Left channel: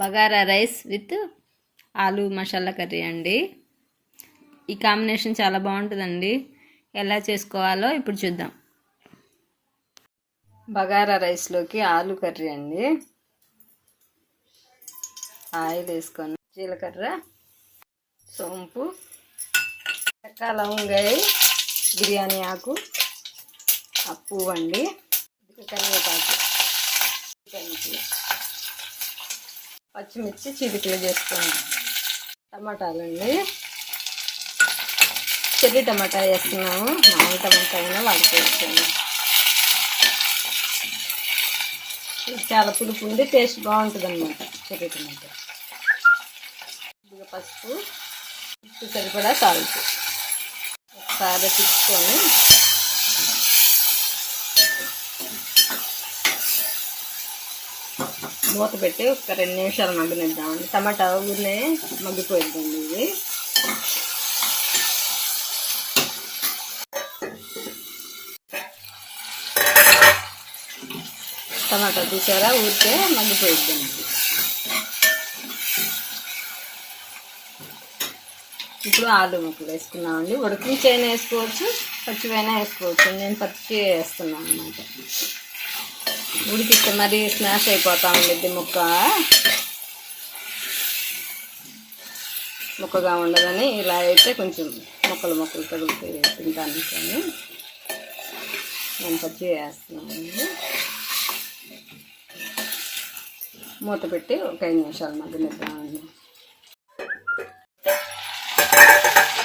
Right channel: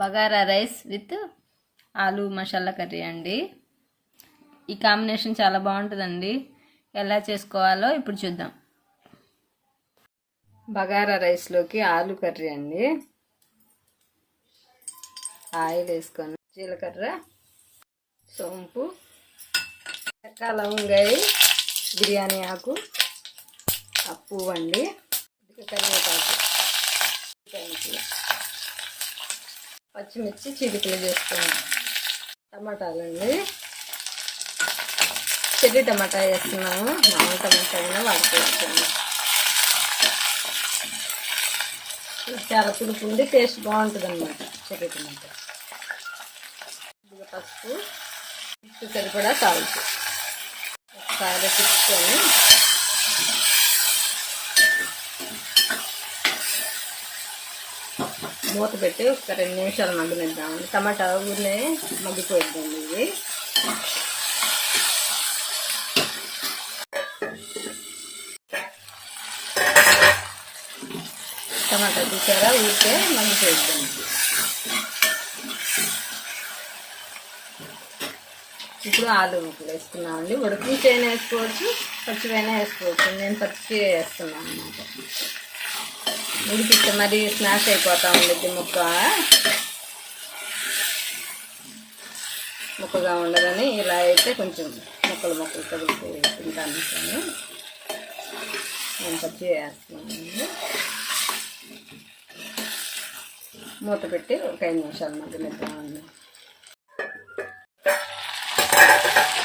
Bagara rice with ఆలు masala curry అండి. ఈ కాంబినేషన్ చాలా బాగుంటుందండి. ఎలా చేసుకోవాలో ఇప్పుడు చూద్దాం. బగారా రైస్లోకి ఆలు కర్రీ అండి. ఆయిల్ వేసుకొని జీలకర్ర సోంపు చెక్క లవంగాయ బిర్యానీ ఆకు ఆ పువ్వు అండి. కరివేపాకు చికెన్కి పచ్చిమిర్చి చిటికలు చేసుకోండి టమాటాలు అండి చెర్రీ టమాటా వేస్తున్నాము. మామూలు టమాటా అయినా వాడుకోవచ్చండి చాలా పులుపు ఉండి టేస్ట్ బాగుంటుంది అనమాట చెర్రీ టమాటా. కొద్దిగా పసుపు. ఉప్పు సరిపడా సాల్ట్ ఒకసారి పిచ్చుకొని మూత పెట్టి ఒక రెండు నిమిషాలు మగ్గనిద్దామండి. టమాటా ఊరినే మగ్గిపోయిద్దండి ఇది. టమాటా తీసారా? ఊరికే మగ్గిపోయిద్దండి. ఇప్పుడు ఆలు ముక్కలు వేసుకున్నామండి. ఉడికించైనా వేసుకోవచ్చు పచ్చివైనా వేసుకోవచ్చు. నేను పచ్చి వేస్తున్నాను అన్నమాట ఉడికిస్తే మరి స్మాష్ అయిపోతూ ఉండిద్ది ముక్క. ముక్కగా ఉండదని ఇలా అయితే కొంచెం ముక్కలు ముక్కలు కదిలితే తింటాను కానీ నేను పచ్చి వేస్తున్నానండి మూత పెట్టి ఒక ఐదు నిమిషాలు మగ్గనిద్దామండి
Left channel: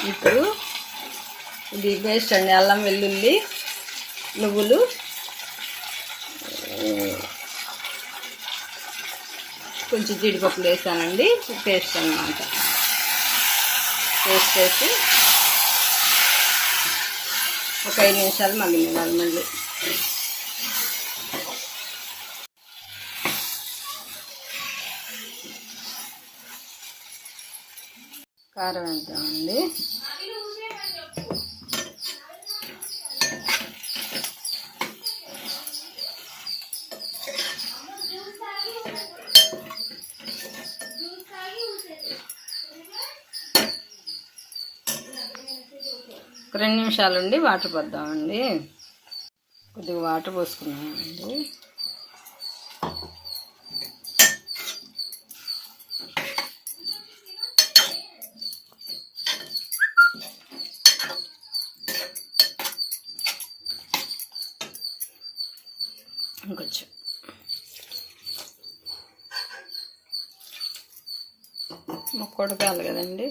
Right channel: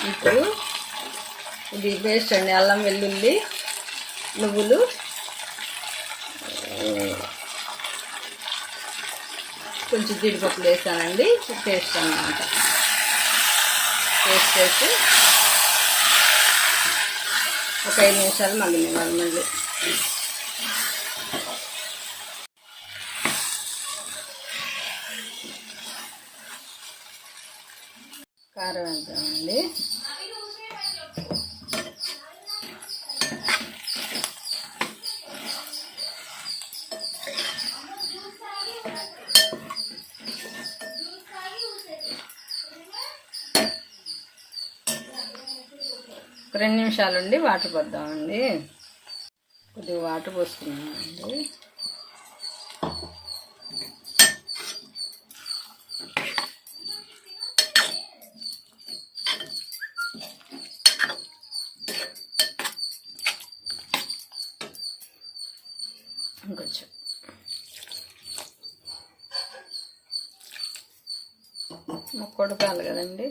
ఇప్పుడు ఇది పేస్ట్ అండి అల్లం వెల్లుల్లి నువ్వులు కొంచెం జీడిపప్పులు వేసానండి. పేస్ట్ అన్నమాట. పేస్ట్ వేసి ఒక ఐదు నిమిషాలు మగ్గనివ్వాలి మళ్ళీ. కారం వేద్దామండి ఒక రెండు నిమిషాలు ఉండి వాటర్ పోద్దామండి. కొద్దిగా వాటర్ పోసుకున్నామండి ఇంకొంచెం. మొక్క ఉడకాలి కదండి.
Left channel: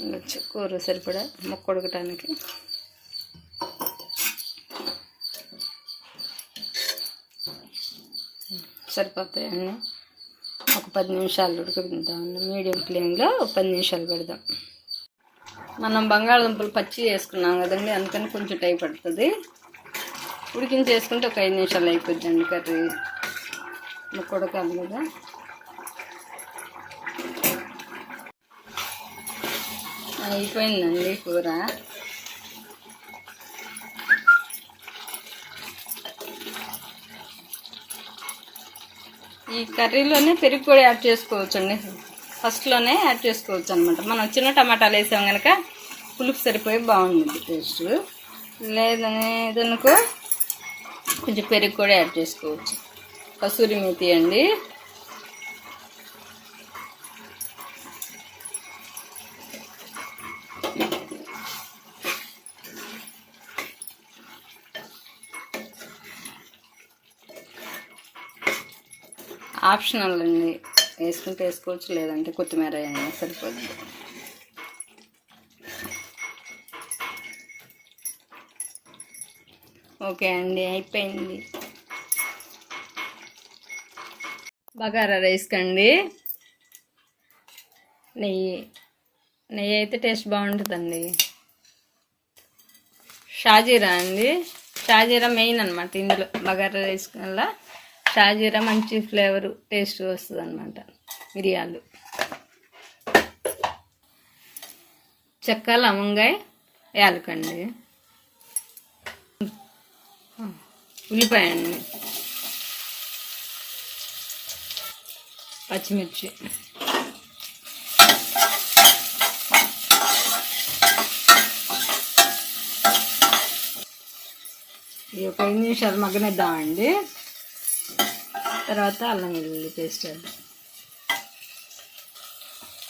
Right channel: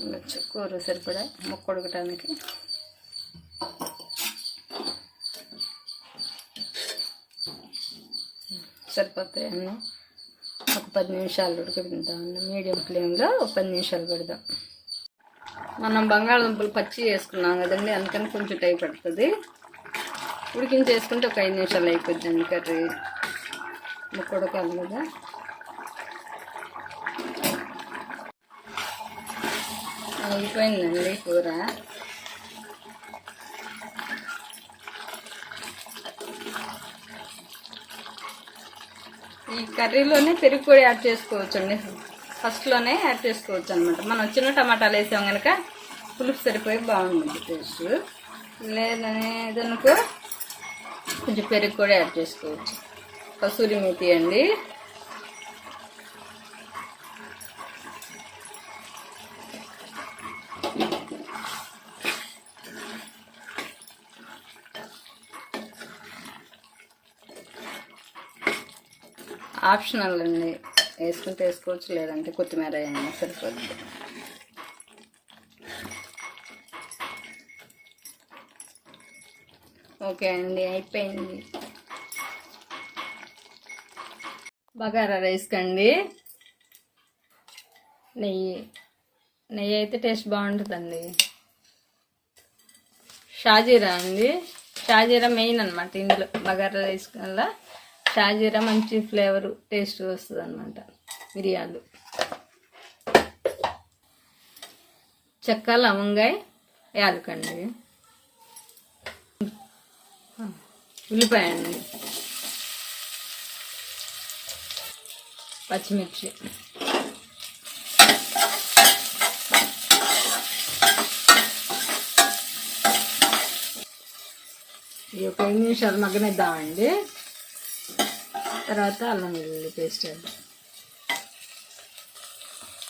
ఇంకొంచెం కూర సరిపడా మొక్క ఉడకటానికి సరిపోతాయండి ఒక పది నిమిషాలు ఉడకబెడదామండి మీడియం ఫ్లేమ్లో ఒక పది నిమిషాలు పెడదాం. మనం బంగాళదుంపలు పచ్చి వేసుకున్నాం కదండి అందుకని కొంచెం టైం పడుతుంది. ఉడికించేసుకుంటే ఒక ఐదు నిమిషాలు అయిపోద్దండి కర్రీ. ముక్క ఉడకాలి కదా. అయిపోయిందండి కూర. ఈ కర్రీలోనే పెరుగు కూడా యాడ్ చేసుకోవచ్చు అండి ఫస్ట్లోనే యాడ్ చేసుకోవచ్చు అనమాట మనం చిన్న టమాటాలు వేసాం కనుక పులుపు సరిపోయి బాగుంటుంది టేస్ట్. లేదనేదనుకో కొంచెం పెరుగు కూడా యాడ్ చేసుకోవచ్చు. కసూరి మేతి అండి. ఆప్షనల్ అండి. వేసుకుంటే వేసుకోవచ్చు లేదంటే కొత్తిమీర అయినా సరిపోద్ది ఓకే అండి అయిపోయింది. బగారా రైస్ కండి. నెయ్యి నెయ్యి అయితే టేస్ట్ బాగుంటుందండి. షాజీరా అండి. షాజీరా మెయిన్ అనమాట ఇందులో బగారా రైస్ వల్ల. షాజీరా మంచి ఫ్లేవర్ టేస్ట్ వస్తుంది అనమాట మిరియాలు. చెక్క లవంగాయ యాలకండి. ఉల్లిపాయ అండి పచ్చిమిర్చి. ఇది ఒక ఐదు నిమిషాలు మగ్గనిద్దామండి. తర్వాత అల్లం వెల్లుల్లి పేస్ట్ వేద్దాం.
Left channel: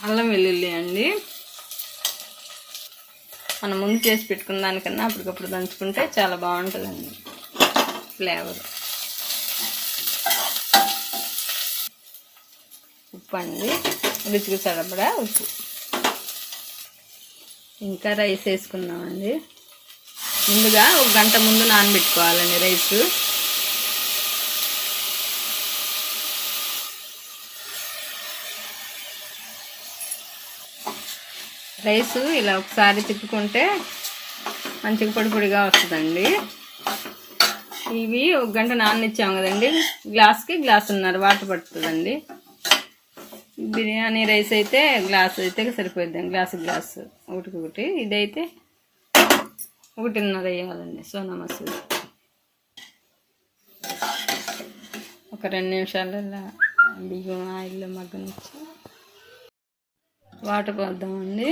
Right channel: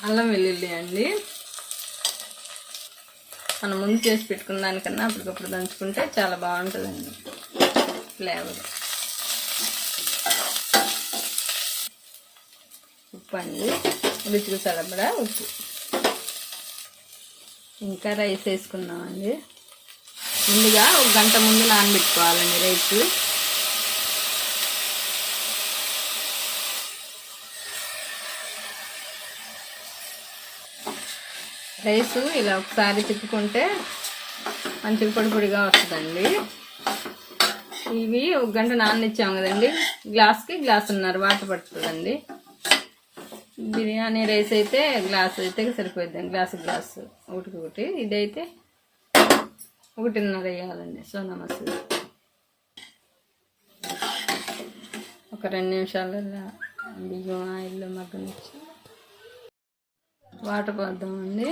అల్లం వెల్లుల్లి అండి. మనం ముందు చేసి పెట్టుకున్న దానికన్నా అప్పటికప్పుడు దంచుకుంటే చాలా బాగుంటుందండి ఫ్లేవర్. ఉప్పు అండి. రుచికి సరిపడా ఉప్పు. ఇంకా రైస్ వేసుకుందామండి. ముందుగా ఒక గంట ముందు నానబెట్టుకోవాలండి రైస్. రైస్ ఇలా ఒకసారి తిప్పుకుంటే మంచిగా పొడి పొడిగా వస్తుందండి. ఇవి ఒక గంట నాననిచ్చాము కదండి. గ్లాస్కి గ్లాసున్నర వాటర్ పడుతుందండి. బిర్యానీ రైస్ అయితే గ్లాస్ అయితే సరిపోద్ది గ్లాస్ గ్లాస్. ఒకటికి ఒకటి. ఇదైతే ఒకటిన్నర వేయాలండి. సోనా మసూరి ఒక రెండు నిమిషాలలో బియ్యం ఆయిల్లో మగ్గనిచ్చి వాటర్ పోద్దామండి.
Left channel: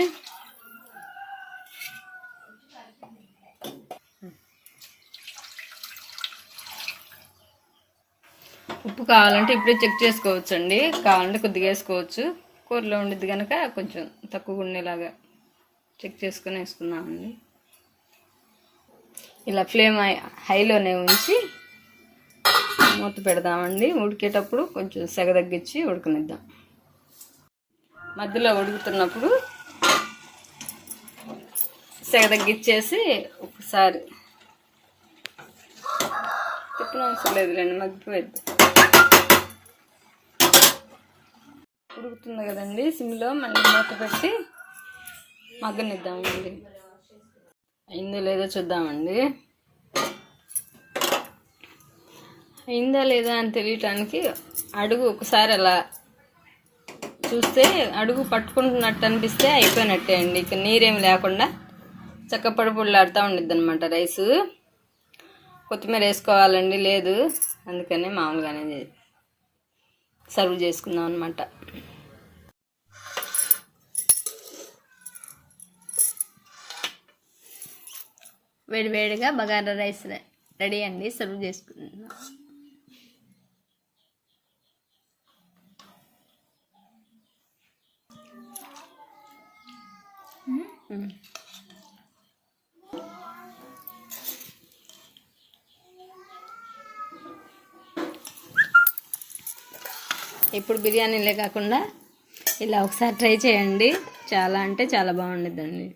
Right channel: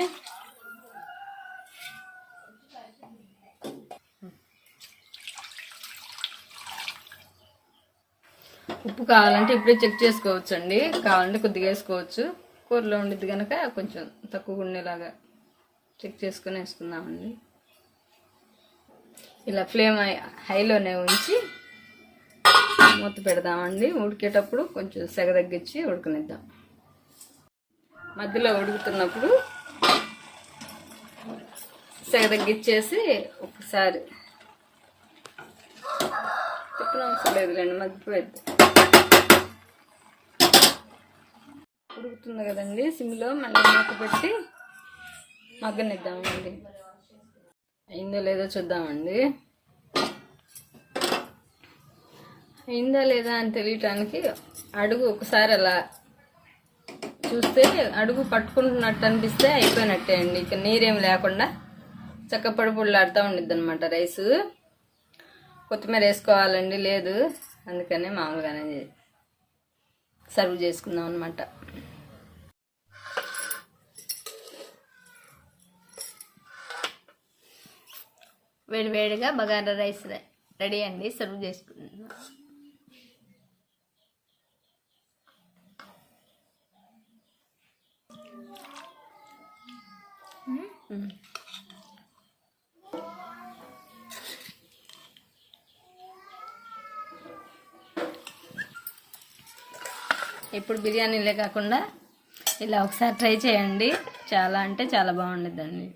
ఉప్పు కావాలంటే ఇప్పుడే చెక్ చేసుకోవచ్చు అండి కావాలంటే కొద్దిగా వేసుకోవచ్చు. కూరలో ఉండిద్ది కనుక కొంచెం తక్కువ ఉండేలాగా చెక్ చేసుకుని వేసుకుందామండి. ఇలా ఫ్లేమ్ హైలోనే ఉంచి మూత పెడదామండి. ఉడికేటప్పుడు కొంచెం సెగ తగ్గించి ఉడకనిద్దాం. మధ్యలో ఉడుకుతున్నప్పుడు సెగ తగ్గించేసి ఒకసారి. తిప్పిన అవసరం లేదులేండి మగ్గిపోద్ది ఉడుకుతుంది కదండి సిమ్లో మళ్ళీ మూత పెట్టి మగ్గనిద్దామండి. అయిందో లేదో చూద్దామండి. అయిందా లేదా అని తెలియటానికి అడుగు ఒకసారి అలా చూస్తే అడుగు పట్టుకుంటున్నట్టు అనిపిస్తే అయిపోయినట్టే అండి. ఇక నీరేమి లేకుండా చక్కపడి ఉండిద్ది అనమాట రైసు. కొత్తిమీర వేసుకోవాలండి లేదు. అందుకనే మామూలుగానే సర్వ్ చేసుకుందాం అనమాట వేడివేడిగా బగారా రైస్ రెడీ అండి. సర్వ్ చేసుకుందాం. ఇప్పుడు బిర్యానీలే కాకుండా ఇలా ఒకసారి ట్రై చేయండి. చాలా అంటే చాలా బాగుండిద్దండి.